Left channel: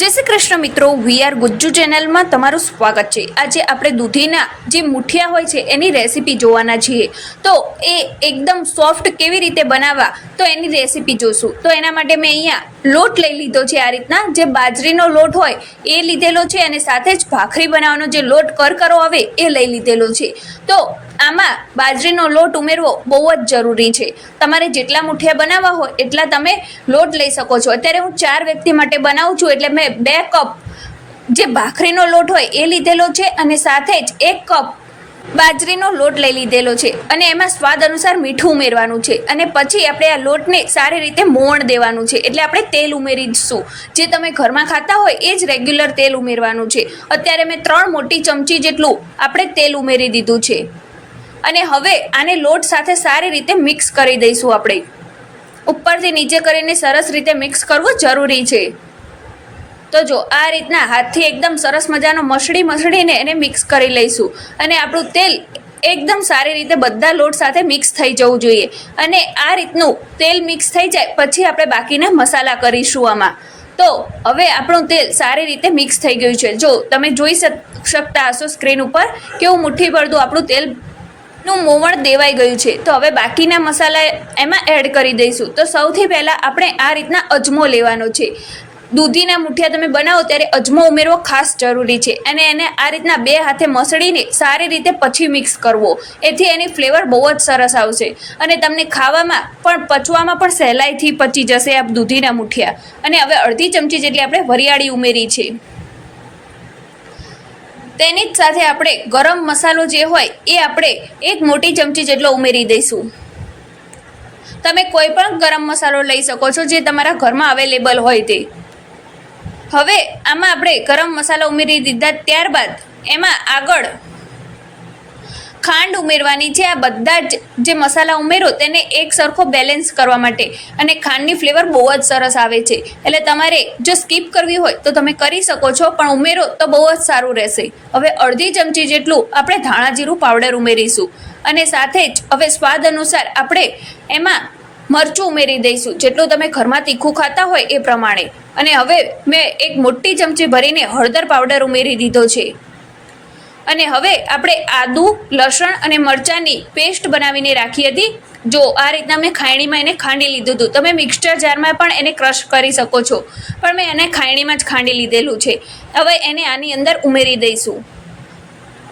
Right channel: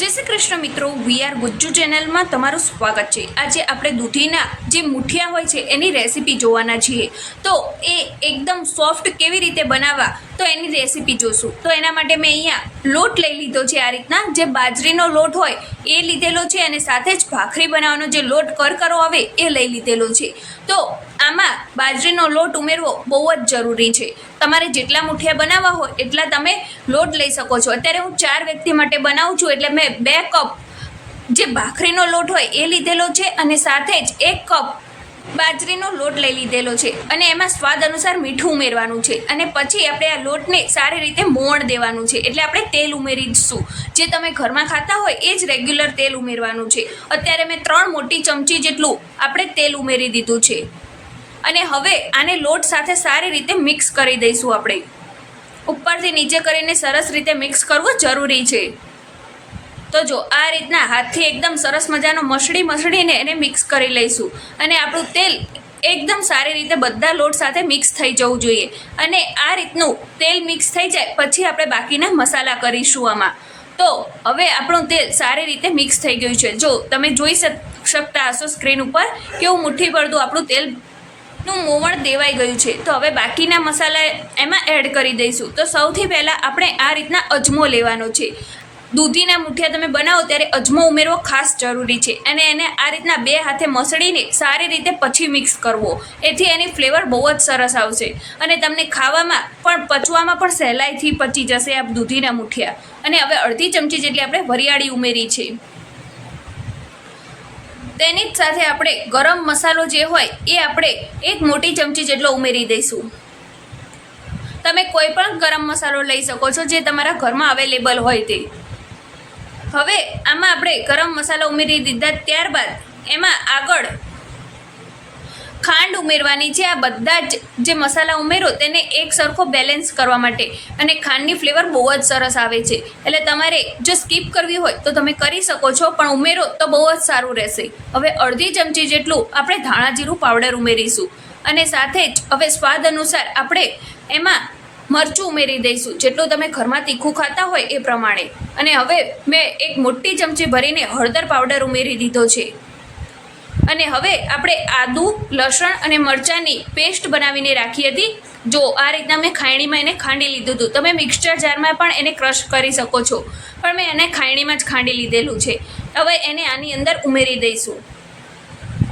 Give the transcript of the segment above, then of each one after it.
જય શ્રી કૃષ્ણ મિત્રો we are Gujju ચેનલમાં તમારું સ્વાગત છે. આજે આપણે દૂધીના જે મુઠિયા હોય છે, એની રેસીપી જોવાના છીએ. તો એ એકદમ સોફ્ટ કેવી રીતે બનાવવા, તો એની રેસીપી જોશું. તો એના માટે મેં અહીંયા લોટ લઈ લીધો છે આ રીતના. જે બાજરીનો લોટ હોય, એ લીધેલો છે અને સાથે જ ભાખરી બનાવવાનો જે લોટ કરકરો આવે, એ લઈ લીધેલો છે. તો આમાં બાજરીનો લોટ ઉમેરવો બહુ જ જરૂરી છે. તમારે જેટલા મુઠિયા બનાવવા હોય એટલા તમે લોટ લઈ શકો છો. અત્યારે હું ચાર વ્યક્તિ માટે બનાવું છું એટલે મેં બે કપ જે ભાખરીનો લોટ હોય એ લીધેલો છે અને સાથે જ એક કપ બાજરીનો લોટ લઈ લીધેલો છે અને એમાં સ્વાદ અનુસાર મીઠું ઉમેરવાનું છે અને પછી આપણે આ લોટને સારી રીતે મોણ દેવાનું છે. એટલે આપણે તેલ ઉમેરીશું. જે તમે ઘરમાં ખાતા હોય એ જ રેગ્યુલર તેલ ઉમેરવાનું છે. અત્યારે મેં ત્રણ મોટી ચમચી જેટલું આપણે તેલ ઉમેરી દીધું છે. અને હવે આને લોટ સાથે સારી રીતે મિક્સ કરી દઈશું આપણે. ઉપરથી નીચે કરીને સરસ રીતે મિક્સ કરવું જરૂરી છે. તો જો આ રીતના હાથથી એકદમ સરસ મજાનો મસળી મસળીને એને મિક્સ કરી લઈશું. અને આપણું તેલ એકદમ સારી રીતે બધા લોટ સાથે મિક્સ થઈ જવું જોઈએ. અને આ રીતનું તેલ મિક્સ થઈ જાય પછી આપણે બાકીના મસાલા કરીશું આમાં. તો હવે આપણું તેલ સારી રીતે મિક્સ થઈ ગયું છે. જો તમે જોઈ શક- શકતા હશો સ્ક્રીન ઉપર કેવું મુઠ્ઠી પડતું આપણું તેલ નું મોવણ દેવાઈ ગયું છે. તો હવે બાકીના મસાલા એમાં એડ કરી દઈશું. તો સૌથી પહેલાં આપણે આ રીતના અજમો લેવાનો છે. દૂધીના મુઠિયા તમે બનાવો ત્યારે અજમો ઉમેરવો ખાસ જરૂરી છે. અને એને આ રીતના બે હાથે મસળીને સારી રીતે પછી મિક્સ કરવો. એથી એની ફ્લેવર બહુ જ સરસ આવશે. અને તમને ખાવામાં પણ, પચવામાં પણ સહેલાઈથી પચી જશે આ દૂધીના મુઠિયા. અને હવે અડધી ચમચી જેટલી આપણે વરિયાળી ઉમેરી છે. તેની જ સાથે આપણે ગરમ મસાલો જે હોય એ આપણે એક મોટી ચમચી જેટલો ઉમેરી દઈશું. તમે કોઈ પણ ગરમ મસાલો લઈ શકો છો જે તમારા ઘરમાં અવેલેબલ હોય તે. હવે આમાં આપણે ગરમ મસાલો ઉમેરી દીધા ત્યારબાદ એમાં આગળ ખાંડ ઉમેરવાની છે. આ બધા જ જે મસાલા ઉમેરો તેને એક સરખો બેલેન્સ કરવા માટે. અને ખાંડની ફ્લેવર બહુ જ સરસ આવે છે. એટલે તમારે જો સ્કીપ કરવી હોય તો તમે કરી શકો છો, પણ ઉમેરો તો બહુ જ સારું રહેશે. હવે અડધી ચમચી જેટલું આપણે ધાણા જીરું પાવડર ઉમેરીશું. અને સાથે જ હવે સ્વાદ અનુસાર આપણે એમાં મરચું ઉમેરી દઈશું. જેટલું તમે ઘરમાં તીખું ખાતા હોય એ પ્રમાણે. અને હવે મેં એક મોટી ચમચી ભરીને હળદર પાવડર ઉમેરી દીધો છે. અને હવે આપણે આદુ, લસણ અને મરચાંની પેસ્ટ બનાવીને રાખી હતી. જો આ રીતના મેં ખાયણીમાં એને ખાંડી લીધું હતું. તમે મિક્સચર જારમાં પણ એને ક્રશ કરી શકો છો. પણ મેં એને ખાયણીમાં જ ખાંડી લીધેલું છે. હવે એને આની અંદર ઉમેરી દઈશું.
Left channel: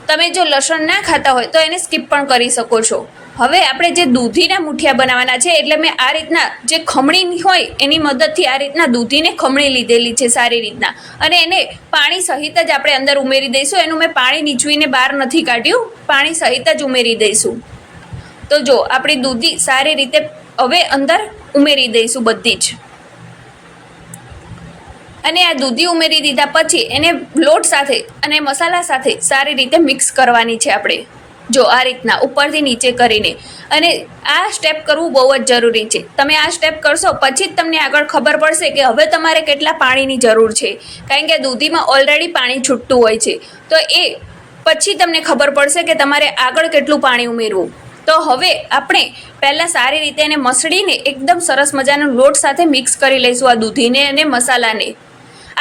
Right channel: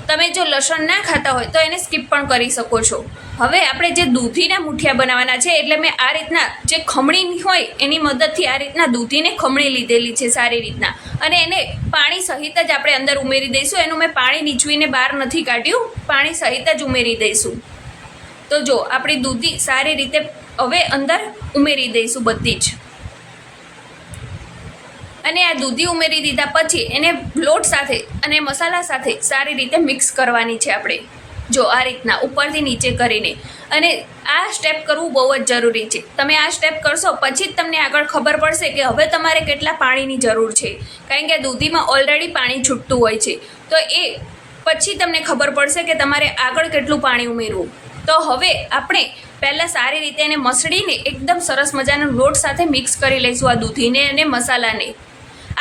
તમે જો લસણ ના ખાતા હોય તો એને સ્કીપ પણ કરી શકો છો. હવે આપણે જે દૂધીના મુઠિયા બનાવવાના છે, એટલે મેં આ રીતના જે ખમણી હોય એની મદદથી આ રીતના દૂધીને ખમણી લીધેલી છે સારી રીતના. અને એને પાણી સહિત જ આપણે અંદર ઉમેરી દઈશું. એનું મેં પાણી નીચવીને બહાર નથી કાઢ્યું. પાણી સહિત જ ઉમેરી દઈશું. તો જો, આપણી દૂધી સારી રીતે હવે અંદર ઉમેરી દઈશું બધી જ. અને આ દૂધી ઉમેરી દીધા પછી એને લોટ સાથે અને મસાલા સાથે સારી રીતે મિક્સ કરવાની છે આપણે. જો આ રીતના ઉપરથી નીચે કરીને. અને આ સ્ટેપ કરવું બહુ જ જરૂરી છે. તમે આ સ્ટેપ કરશો પછી જ તમને આગળ ખબર પડશે કે હવે તમારે કેટલા પાણીની જરૂર છે. કારણ કે દૂધીમાં ઓલરેડી પાણી છૂટતું હોય છે. તો એ પછી તમને ખબર પડશે કે તમારે આગળ કેટલું પાણી ઉમેરવું. તો હવે આપણે પહેલાં સારી રીતે એને મસળીને એકદમ સરસ મજાનો લોટ સાથે મિક્સ કરી લઈશું આ દૂધીને અને મસાલાને.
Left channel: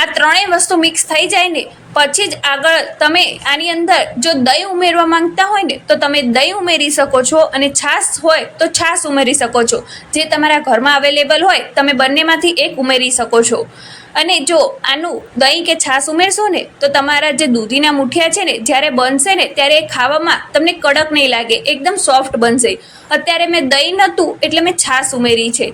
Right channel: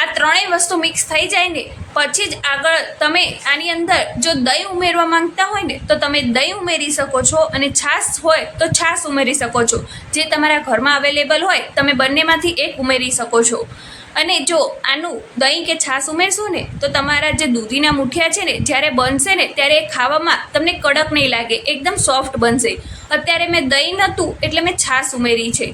આ ત્રણેય વસ્તુ મિક્સ થઈ જાય ને, પછી જ આગળ તમે આની અંદર જો દહીં ઉમેરવા માંગતા હોય ને, તો તમે દહીં ઉમેરી શકો છો અને છાશ હોય તો છાશ ઉમેરી શકો છો. જે તમારા ઘરમાં અવેલેબલ હોય, તમે બંનેમાંથી એક ઉમેરી શકો છો. અને જો આનું દહીં કે છાશ ઉમેરશો ને, તો તમારા જે દૂધીના મુઠિયા છે ને, જ્યારે બનશે ને, ત્યારે એ ખાવામાં તમને કડક નહીં લાગે, એકદમ સોફ્ટ બનશે. અત્યારે મેં દહીં નહોતું, એટલે મેં છાશ ઉમેરી છે.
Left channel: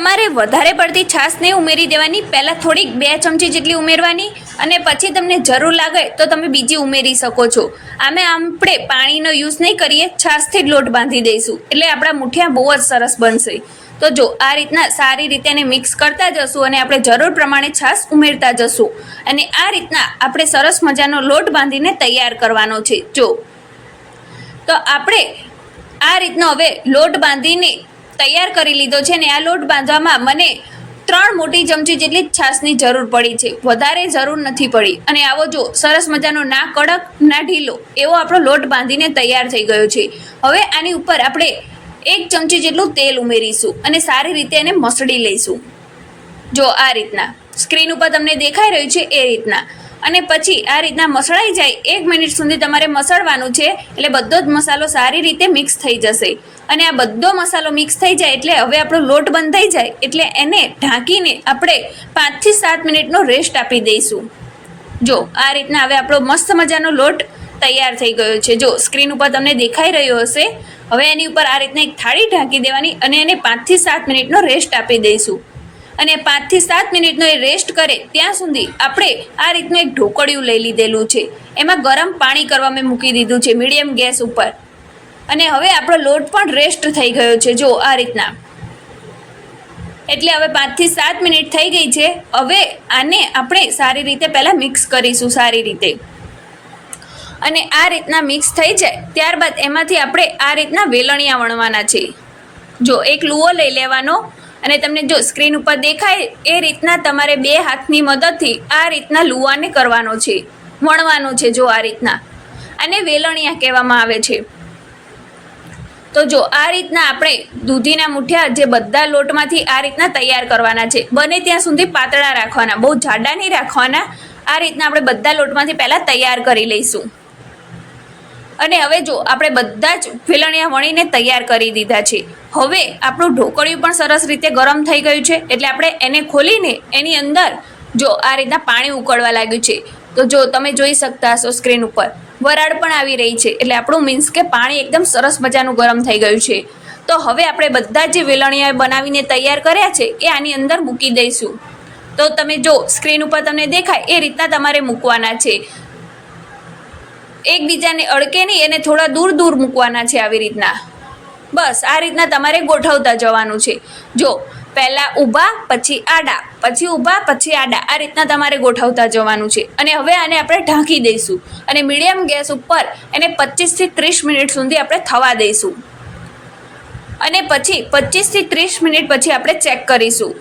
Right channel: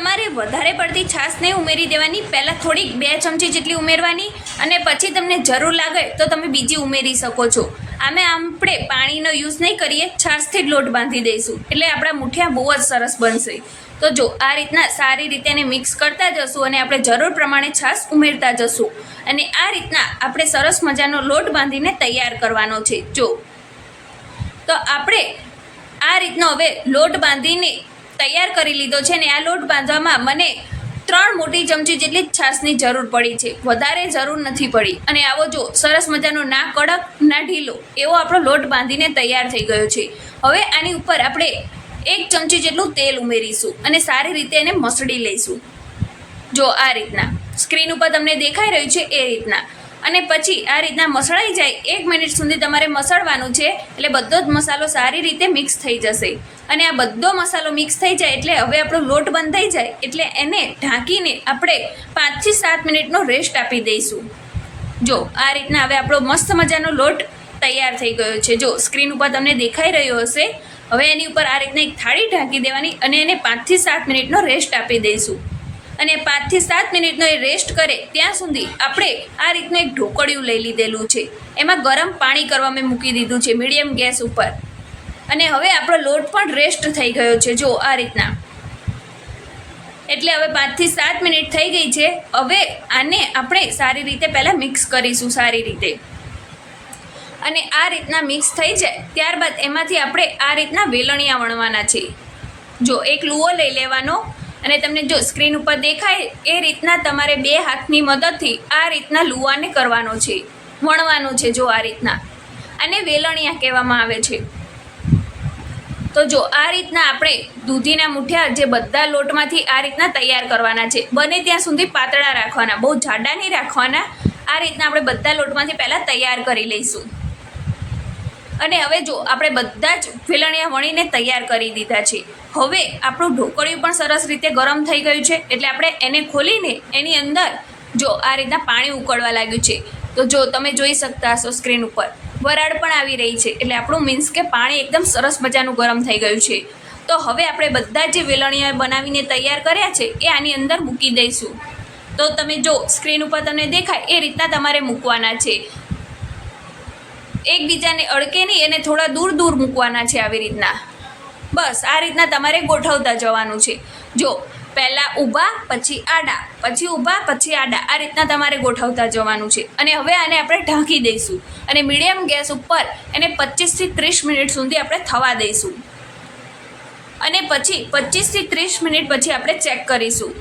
તમારે વધારે પડતી છાશ નહીં ઉમેરી દેવાની. પહેલાં થોડીક બે ચમચી જેટલી ઉમેરવાની અને પછી તમને જરૂર લાગે તો તમે બીજી ઉમેરી શકો છો. આમે આપણે પાણીનો યુઝ નહીં કરીએ, છાશથી જ લોટ બાંધી દઈશું. એટલે આપણા મુઠિયા બહુ જ સરસ બનશે. તો જો, આ રીતના સારી રીતે એને મિક્સ કરતા જશું અને આપણે જરૂર પ્રમાણે છાશ ઉમેરતા જશું. અને આ રીતના આપણે સરસ મજાનો લોટ બાંધીને તૈયાર કરવાનો છે. જો, તો આપણે આ રીતનો હવે લોટ બાંધીને તૈયાર કરી લીધો છે ને આ લોટ બાંધવામાં મને ત્રણ મોટી ચમચી જેટલી છાશની જરૂર પડી છે. વધારે જરૂર નથી પડી. અને આવો જો, સરસ મજાનો ના કડક, ના ઢીલો એવો આપણો લોટ બાંધીને તૈયાર થઈ ગયો છે. હવે આની ઉપર આપણે એક ચમચી જેટલું તેલ ઉમેરીશું અને સારી રીતે એને મસળી લઈશું. જો આ રીતના. સ્ક્રીન ઉપર તમને દેખાઈ રહ્યું છે એ રીતના. અને પછી આ રીતના મસળાઈ જાય એક મિનિટ સુધી તમારે મસળવાનું છે, એટલે બધો જ મસાલો સારી રીતે મિક્સ થઈ જશે. અને આ બધો મસાલો મિક્સ થઈ જાય એટલે હવે આપણો લોટ બંધ થઈ જાય, એટલે એને ઢાંકીને આપણે પાંચથી સાત મિનિટનો રેસ્ટ આપી દઈશું. જો, આ રીતના હવે આપણો મસ્ત મજાનો લોટ તૈયાર થઈ ગયો છે. જો સ્ક્રીન ઉપર તમને દેખાઈ રહ્યો હશે. હવે એની ઉપર આ રીતના એક થાળી ઢાંકી દેવાની અને એને પાંચથી સાત મિનિટનો રેસ્ટ આપી દઈશું. અને પાંચથી સાત મિનિટનો એ રેસ્ટ કરે ત્યાં સુધી આપણે આ રીતનું એક ઢોકળિયું લઈ લીધેલું છે. એમાં ગરમ પાણી કરવા મેં મૂકી દીધું છે, મીડિયમ ગેસ ઉપર. અને હવે આપણો લોટ પણ રેસ્ટ થઈ ગયો છે, જો આ રીતના. એટલે હવે પાંચથી સાત મિનિટ થઈ ગઈ છે, હવે આને આપણે સારી રીતે પહેલાં મિક્સ કરીશું, સારી રીતે. અને આ રીતના મિક્સ થઈ જાય, ત્યારબાદ એમાંથી આપણે આ રીતના વેલણિયા વણવાના છે. જો એક લુઓ લઈ લેવાનો અને તમને જો સ્ક્રીન ઉપર દેખાય, એ રીતના તમારે બે હાથની મદદથી આ રીતના લુવાને કરવાનો છે, વણવાનો છે જો આ રીતના. અને વેલણિયા કહેવામાં આવે છે. તો જો આ રીતના આપણે દૂધીના મુઠિયા જે બધા લોટમાંથી આ રીતના તૈયાર કરવાના છે, બને ત્યાં સુધી પાતળા રાખવાના, બહુ જાડા નહીં રાખવાના, આ રીતના આપણે બધા લોટમાંથી પહેલાં તૈયાર કરી લઈશું. અને હવે જો આપણે બધા જ ફેલણિયા વણીને તૈયાર કરી દીધા છે હવે આપણું ઢોકળિયું પણ સરસ રીતે ગરમ થઈ ગયું છે. એટલે આપણે એને ખોલીને એની અંદર જો આ રીતના પાણી ઉકળવા લાગ્યું છે. તો જો તમે જોઈ શકતા હશો સ્ક્રીન ઉપર. વરાળ પણ આવી રહી છે. એટલે આપણું મીન્સ કે પાણી એકદમ સરસ મજાનું ગરમ થઈ ગયું છે. તો હવે આપણે બધા જે વેલણિયા બનાવીને તૈયાર કર્યા છે એ આની અંદર મૂકી દઈશું. તો તમે જો સ્ક્રીન ઉપર તમને દેખાય એ રીતના તમારે મૂકવાના છે. એકબીજાને અડકે નહીં એને થોડા દૂર દૂર મૂકવાના છે આવી રીતના. બસ આ રીતના તમારે ગોઠવતા જવાનું છે. જો, પહેલાં ઊભા, પછી આડા, પછી ઊભા, પછી આડા, આ રીતના તમારે ગોઠવતા જવાનું છે. અને હવે આને આપણે ઢાંકી દઈશું. અને મીડિયમ ગેસ ઉપર એને પચીસથી ત્રીસ મિનિટ સુધી આપણે થવા દઈશું. અને પછી પચીસથી ત્રીસ મિનિટ પછી આપણે ચેક કરીશું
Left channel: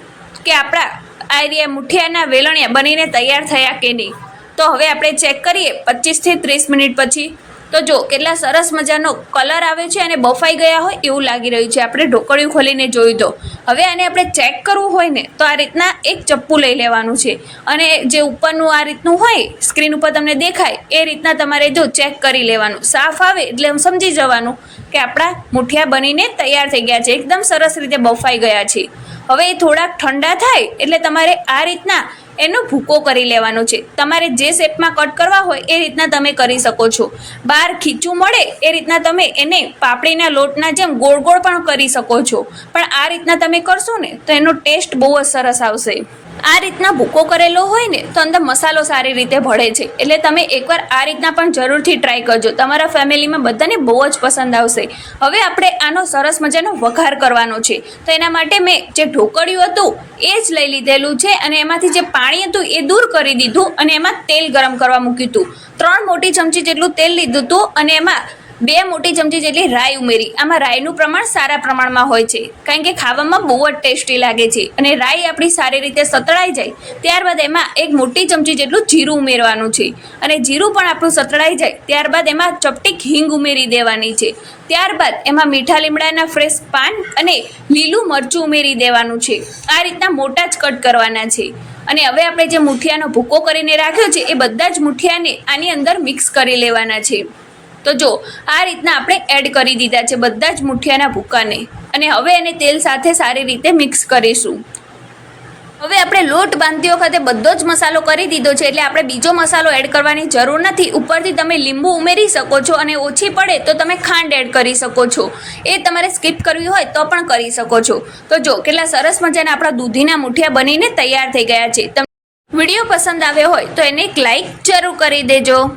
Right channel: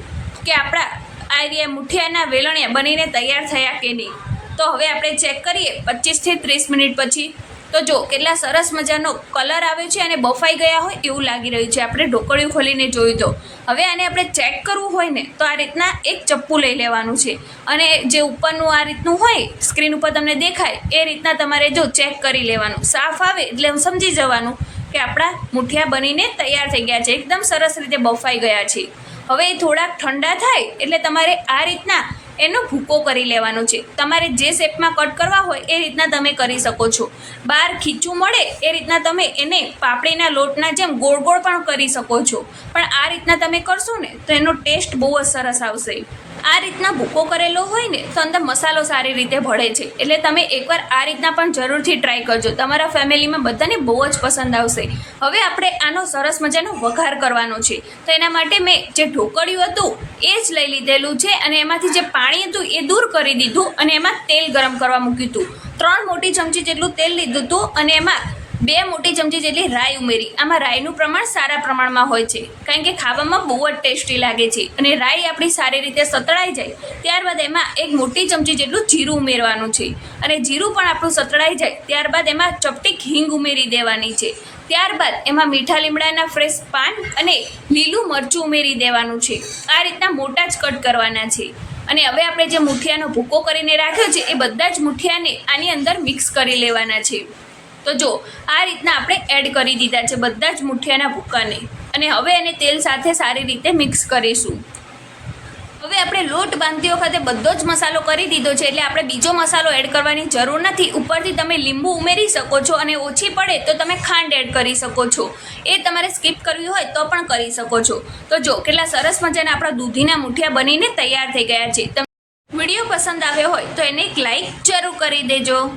કે આપણા આ એરિયા મુઠિયાના વેલણિયા બનીને તૈયાર થયા કે નહીં. તો હવે આપણે ચેક કરીએ પચીસથી ત્રીસ મિનિટ પછી. તો જો, કેટલા સરસ મજાનો કલર આવે છે અને બફાઈ ગયા હોય એવું લાગી રહ્યું છે. આપણે ઢોકળિયું ખોલીને જોઈ તો. હવે આને આપણે ચેક કરવું હોય ને, તો આ રીતના એક ચપ્પુ લઈ લેવાનું છે. અને જે ઉપરનું આ રીતનું હોય, સ્ક્રીન ઉપર તમને દેખાય, એ રીતના તમારે જો ચેક કરી લેવાનું. સાફ આવે એટલે સમજી જવાનું કે આપણા મુઠિયા બનીને તૈયાર થઈ ગયા છે. એકદમ સરસ રીતે બફાઈ ગયા છે. હવે એ થોડાક ઠંડા થાય એટલે તમારે આ રીતના એનો ભૂકો કરી લેવાનો છે. તમારે જે શેપમાં કટ કરવા હોય એ રીતના તમે કરી શકો છો. બહાર ખીચું મળે એ રીતના તમે એને પાપડીના લોટના જેમ ગોળ ગોળ પણ કરી શકો છો. પણ આ રીતના તમે કરશો ને તો એનો ટેસ્ટ બહુ જ સરસ આવશે. આ રીતના ભૂકો કરેલો હોય ને, તો અંદર મસાલો સારી રીતે ભળે છે. એટલે તમે એકવાર આ રીતના પણ જરૂરથી ટ્રાય કરજો. તમારા ફેમિલીમાં બધાને બહુ જ પસંદ આવશે. હવે આપણે આનો સરસ મજાનો વઘાર કરવાનો છે. તો એના માટે મેં જે ઢોકળિયું હતું, એ જ લઈ લીધેલું છે અને એમાંથી જે પાણી હતું, એ દૂર કરી દીધું અને એમાં તેલ ગરમ કરવા મૂક્યું હતું. ત્રણ મોટી ચમચી જેટલું તેલ લીધું હતું અને એમાં બે મોટી ચમચી જેટલી રાઈ ઉમેરી. આમાં રાઈનું પ્રમાણ સારા પ્રમાણમાં હોય છે. કારણ કે ખાવામાં બહુ જ ટેસ્ટી લાગે છે. અને રાઈ આપણી સારી રીતે સતળાઈ જાય, ત્યારબાદ એમાં એક મોટી ચમચી જેટલું જીરું ઉમેરવાનું છે. અને જીરું પણ આપણું સતળાઈ જાય, ત્યારબાદ એમાં ચપટીક હિંગ ઉમેરી દેવાની છે. ત્યારબાદ એમાં મીઠા લીમડાના ફ્રેશ પાન અને લીલું મરચું ઉમેરી દેવાનું છે. આ રીતના મોટા જ કટ કરવાના છે. અને હવે આપણે જે મુઠિયાનો ભૂકો કરીને રાખ્યો છે, એ બધા જ મુઠિયાને આની અંદર મિક્સ કરી લેવાના છે. તો જો, આ રીતના આપણે એડ કરી દીધા છે બધા જ મુઠિયાના ભૂકાને. અને હવે એને તેલ સાથે સારી રીતે મિક્સ કરીશું. હવે આપણે લોટ બાંધતી વખતે બધો જ મસાલો કરી દીધો છે એટલે આપણે બીજો મસાલો એડ કરવાની જરૂર નથી. ઉપરથી તમે લીંબુ ઉમેરી શકો છો અને ઓછી પડે તો તમે ખાંડ એડ કરી શકો છો. એ તમારે સ્કીપ કરવી હોય તો પણ કરી શકો છો. તો જો, કેટલા સરસ મજાના આપણા દૂધીના મુઠિયા બનીને તૈયાર થઈ ગયા છે. વીડિયો પસંદ આવ્યો હોય તો એને એક લાઈક જરૂર કરી દેજો.